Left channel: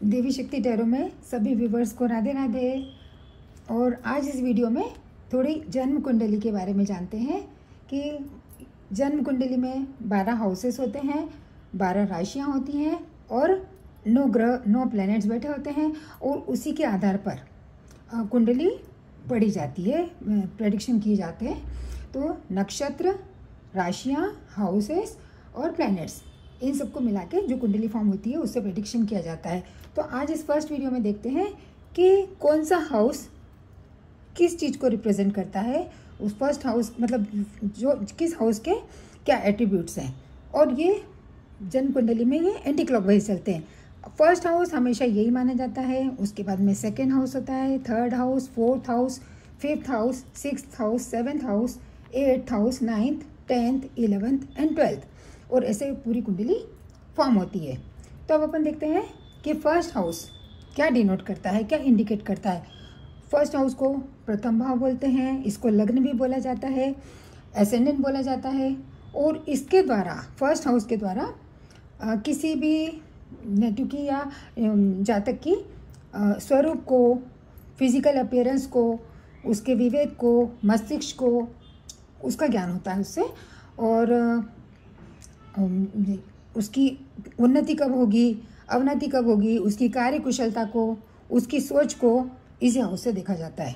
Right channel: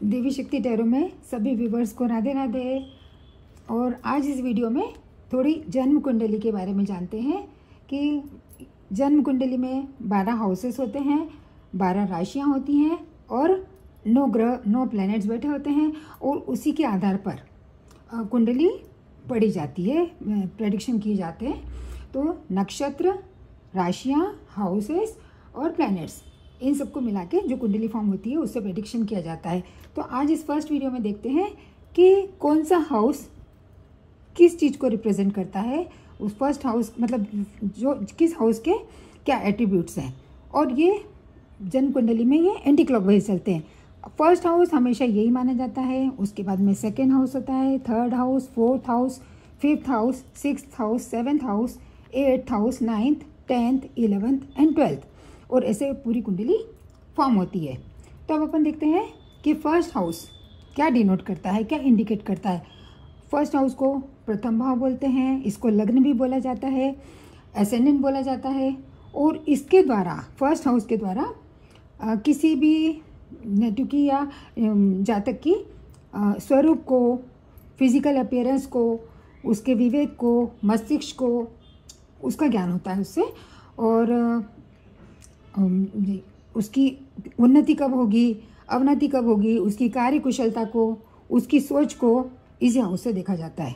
देवी शक्ति टैरो में सभी व्यूवर्स को राधे राधे। और आज इस वीडियो में थोड़ी जन्म कुंडली के बारे में जानते हैं कि जन्म कुंडली में 12 हाउसेस होते हैं, 12 राशियां होती हैं और 9 ग्रह 9 प्लैनेट्स बैठे होते हैं और उसी के आधार पर कुंडली पढ़ी जाती है, प्रेडिक्शन किए जाते हैं। तो नक्षत्र, राशियां, हाउसेस और प्लैनेट्स, इन सबको मिला के जो कुंडली फॉर्म होती है उससे प्रेडिक्शन किया जाता है। तो आज इस फर्स्ट वीडियो में देखते हैं कि कौन सा हाउस किस चीज़ को रिप्रेजेंट करता है। उस फर्स्ट हाउस मतलब जो किस हाउस के क्या एट्रीब्यूट्स हैं। और ये जन्म कुंडली में ये एंटी क्लॉकवाइज चलते हैं। फर्स्ट हाउस हमेशा यही माना जाता है, उसके बाद में सेकेंड हाउस होता है, third house, fourth house, fifth house, sixth house, seventh house, eighth house, 9th, 10th, 11th and 12th, और ऐसे पूरी कुंडली फॉर्म होती है। तो अब अपन देखते हैं कि फर्स्ट हाउस क्या डिनोट करता है, क्या इंडिकेट करता है। फर्स्ट हाउस को प्रथम भाव बोलते हैं, इसको लग्न भी बोला जाता है, एसेंडेंट बोला जाता है। और इसके द्वारा, फर्स्ट हाउस के द्वारा किसी भी नेटिव की या जातक की स्वरूप को, फिजिकल अपीयरेंस को, उसके विवेक को, मस्तिष्क को, उसका ज्ञान होता है उससे। और उसकी उन्नति कब होगी, अवनति कब होगी, उसकी कार्य कुशलता को, उसकी सोच को इस हाउस से देखा जाता है।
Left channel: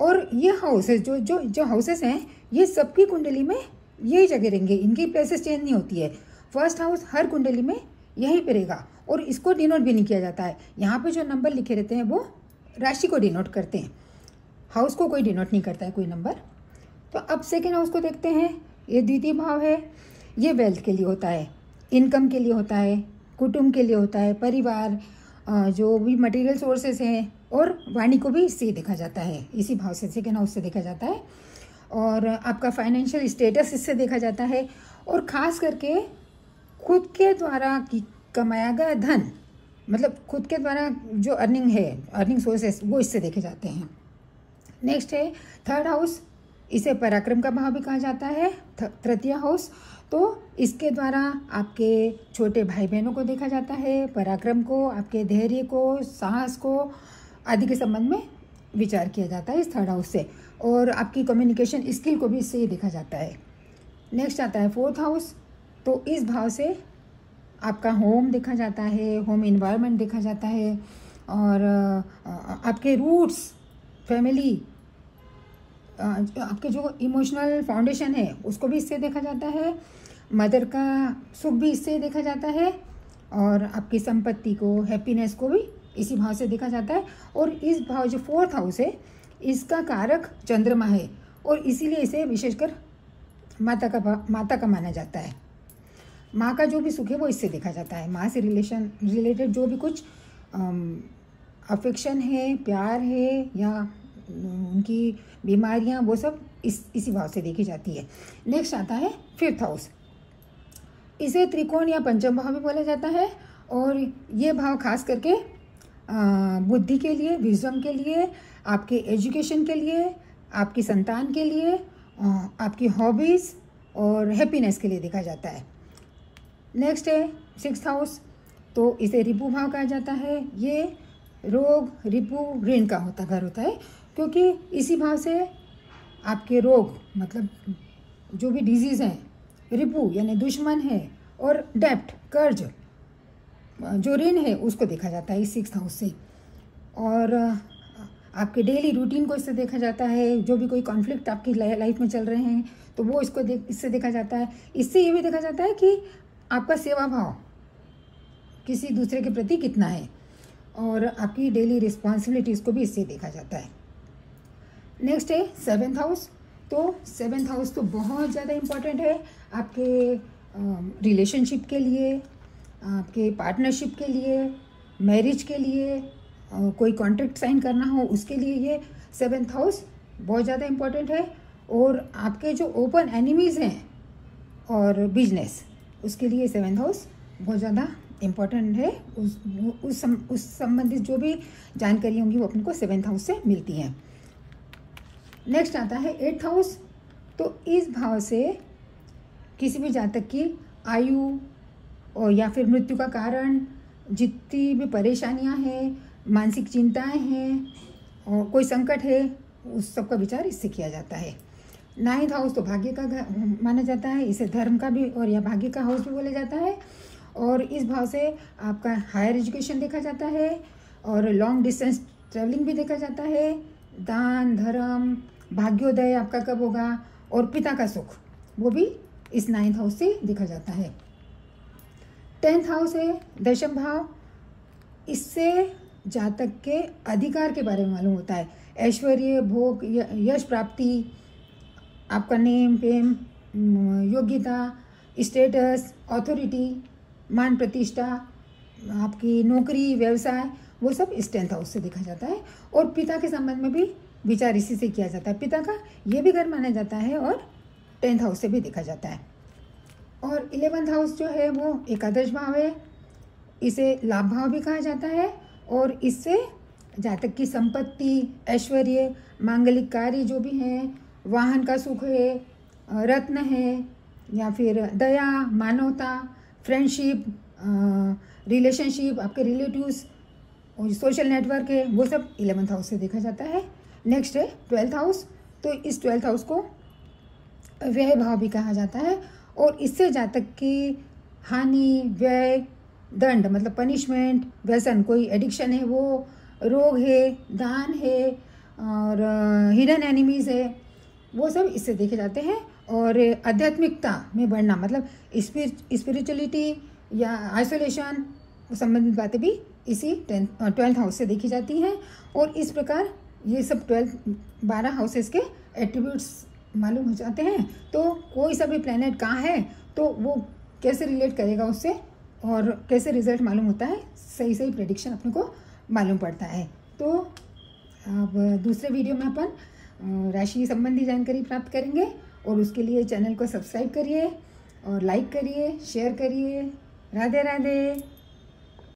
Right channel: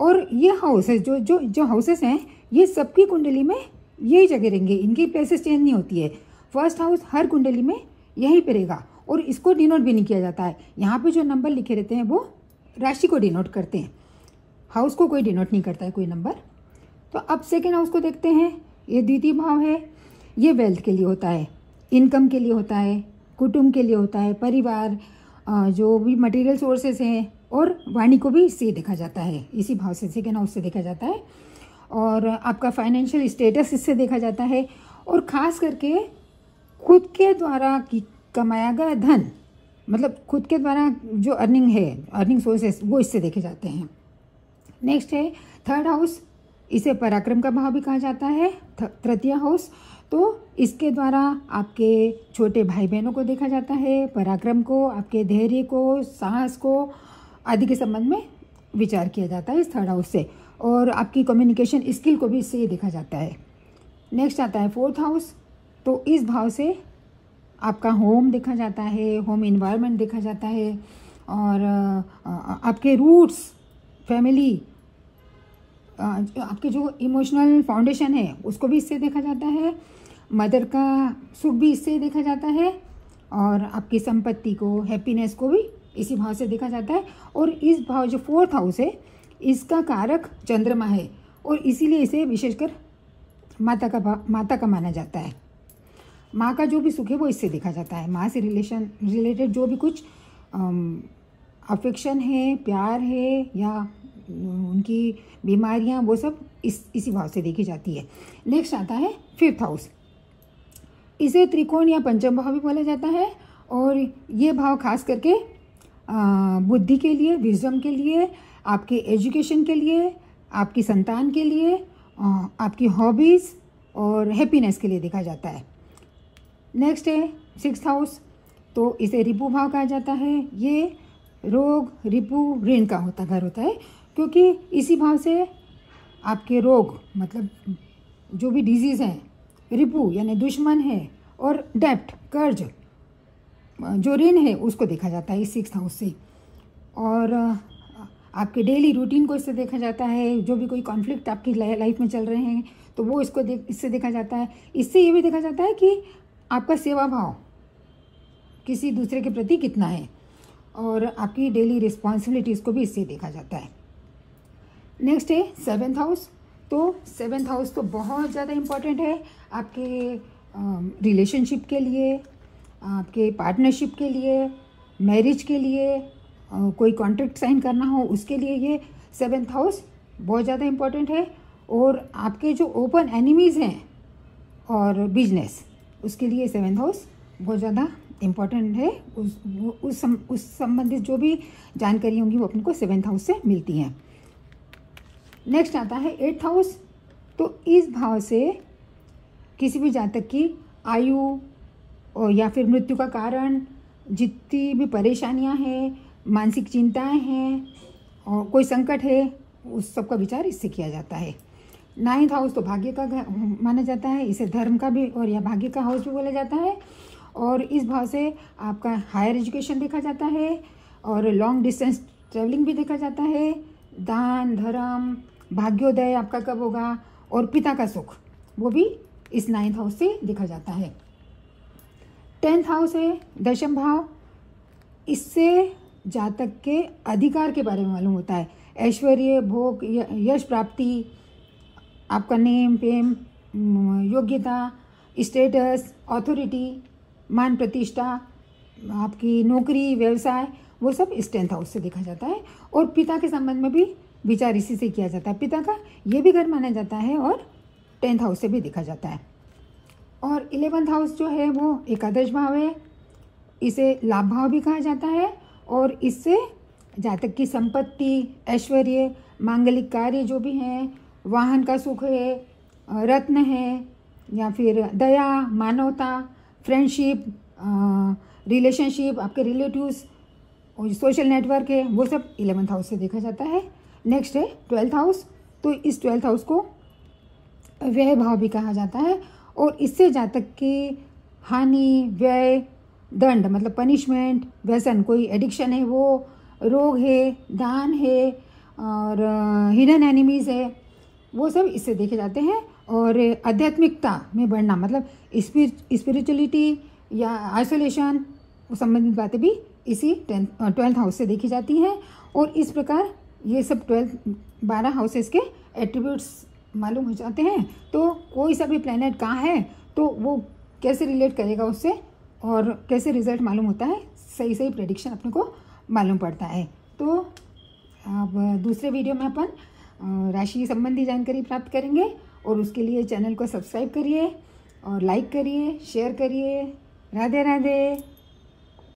और ये हाउसेस जो हाउसेस हैं, ये सबकी कुंडली में यही जगह रहेंगे, इनकी प्लेसेस चेंज नहीं होती है। फर्स्ट हाउस हर कुंडली में यहीं पे रहेगा और इसको डिनोट भी नहीं किया जाता है। यहाँ पे जो नंबर लिखे रहते हैं वो राशि को डिनोट करते हैं, हाउस को कोई डिनोट नहीं करता है कोई नंबर। तो अब सेकेंड हाउस को देखते हैं। ये द्वितीय भाव है, ये वेल्थ के लिए होता है, इनकम के लिए होता है, कुटुंब के लिए होता है, परिवार, जो भी मटेरियल सोर्सेस हैं, और वाणी को भी इससे देखा जाता है, इसी भाव से, सेकेंड हाउस से देखा जाता है। और आपका फाइनेंशियल स्टेटस इससे देखा जाता है। और ख़ास करके खुद के द्वारा कमाया गया धन, मतलब खुद के द्वारा जो अर्निंग है, अर्निंग सोर्सेस, वो इससे देखे जाते हैं। नेक्स्ट है थर्ड हाउस, इसे पराक्रम का भाव भी कहा जाता है। तृतीय हाउस, तो इसके द्वारा आपके छोटे भाई बहनों को देखा जाता है, पराक्रम को, आपके धैर्य को, साहस को आदि के संबंध में विचार किया जाता है इस थर्ड हाउस से। और आपकी कम्युनिकेशन स्किल को भी इससे देखा जाता है। नेक्स्ट आता है फोर्थ हाउस, तो इस भाव से आपका होम देखा जाता है, होम इन्वायरमेंट देखा जाता है, और आपके रूट्स, फैमिली, आपके जो इमोशनल फाउंडेशन है उसको भी इससे देखा जाता है। मदर का सुख भी इससे देखा जाता है, और आपकी संपत्ति को, हैप्पीनेस को भी इसी भाव से देखा जाता है। और इस भाव जो फोर्थ हाउस है, इसका कारक चंद्रमा है, और इसीलिए इसे विशेषकर माता का माना जाता है। माँ का जो भी सुख है वो इससे देखा जाता है। माँ से रिलेटेड जो भी कुछ अफेक्शन है, प्यार है, या उनकी बीमारियाँ, वो सब इसी भाव से देखी जाती है। नेक्स्ट आता है फिफ्थ हाउस, इसे त्रिकोण या पंचम भाव भी बोला जाता है। और ये भाव खास करके बुद्धि के लिए, विजडम के लिए, आपके एजुकेशन के लिए, आपकी संतान के लिए, आपकी हॉबीज़ और हैप्पीनेस के लिए देखा जाता है। नेक्स्ट है सिक्स्थ हाउस, तो इसे रिपु भाव कहा जाता है। ये रोग, रिपु, ऋण का घर होता है, क्योंकि इसी भाव से आपके रोग, मतलब जो भी डिजीज़ हैं, रिपु यानी दुश्मन है, और डेप्ट, कर्ज, जो ऋण है, उसको देखा जाता है इस सिक्स्थ हाउस से। और आपके डेली रूटीन को इससे देखा जाता है। जो भी कोई कॉन्फ्लिक्ट आपकी लाइफ में चल रहे हैं तो वो इससे देखा जाता है। इससे ये भी देखा जाता है कि आपका सेवा भाव किसी दूसरे के प्रति कितना है, और आपकी डेली रिस्पॉन्सिबिलिटीज़ को भी इससे देखा जाता है। नेक्स्ट है सेवेंथ हाउस, तो सेवेंथ हाउस तो बहुत ज़्यादा इम्पॉर्टेंट है आपके रिलेशनशिप के लिए, आपके पार्टनरशिप के लिए, मैरिज के लिए, कोई कॉन्ट्रैक्ट साइन करना हो उसके लिए ये सेवेंथ हाउस बहुत ज़्यादा इम्पॉर्टेंट है। और आपके जो ओपन एनिमीज़ हैं और बिजनेस, उसके लिए सेवेंथ हाउस बहुत ज़्यादा इम्पॉर्टेंट है। उस संबंधित जो भी जानकारी होंगी वो अपन को सेवेंथ हाउस से मिलती हैं। नेक्स्ट आता है एट्थ हाउस, तो इस भाव से किसी भी जातक की आयु और या फिर मृत्यु का कारण, जितनी भी परेशानियां हैं, मानसिक चिंताएं हैं और कोई संकट है, उस सब का विचार इससे किया जाता है। 9th हाउस तो भाग्य का घर माना जाता है, इसे धर्म का भी और या भाग्य का हाउस भी बोला जाता है। और इस भाव से आपका हायर एजुकेशन देखा जाता है और लॉन्ग डिस्टेंस ट्रैवलिंग भी देखा जाता है। दान, धर्म, भाग्योदय आपका कब होगा और पिता का सुख, वो भी इस 9th हाउस से देखा जाता है। 10th हाउस है दशम भाव, इससे जातक के अधिकार के बारे में मालूम होता है। ऐश्वर्य, भोग, यश प्राप्ति, आपका नेम, फेम, योग्यता, स्टेटस, अथॉरिटी, मान प्रतिष्ठा, आपकी नौकरी, व्यवसाय, वो सब इस 10th हाउस से देखा जाता है। और पिता के संबंध में भी विचार इसी से किया जाता है। पिता का ये भी घर माना जाता है और 10th हाउस से भी देखा जाता है। और 11th हाउस जो है वो एकादश भाव है, इसे लाभ भाव भी कहा जाता है। और इससे जातक की संपत्ति, ऐश्वर्य, मांगलिक कार्य जो भी हैं, वाहन का सुख है, रत्न है, या फिर दया, मानवता, फ्रेंडशिप, रिलेशनशिप, आपके रिलेटिव्स और सोशल नेटवर्क है, वो सब 11th हाउस से देखा जाता है। नेक्स्ट है 12th हाउस, तो इस 12th हाउस को व्यय भाव भी कहा जाता है। और इससे जातक की हानि, व्यय, दंड मतलब पनिशमेंट, व्यसन, कोई एडिक्शन है वो, रोग है, दान है और हिडन एनिमीज है, वो सब इससे देखे जाते हैं। और आध्यात्मिकता में बढ़ना मतलब स्पिरिचुअलिटी या आइसोलेशन संबंधित बातें भी इसी 12th हाउस से देखी जाती हैं। और इस प्रकार ये सब 12 हाउसेस के एट्रीब्यूट्स मालूम हो जाते हैं। तो कोई सा भी प्लैनेट कहाँ है तो वो कैसे रिलेट करेगा उससे और कैसे रिजल्ट मालूम होता है, सही सही प्रेडिक्शन अपने को मालूम पड़ता है। तो अब दूसरे वीडियो में अपन राशि संबंधी जानकारी प्राप्त करेंगे और उसके लिए चैनल को सब्सक्राइब करिए और लाइक करिए, शेयर करिए। राधे राधे।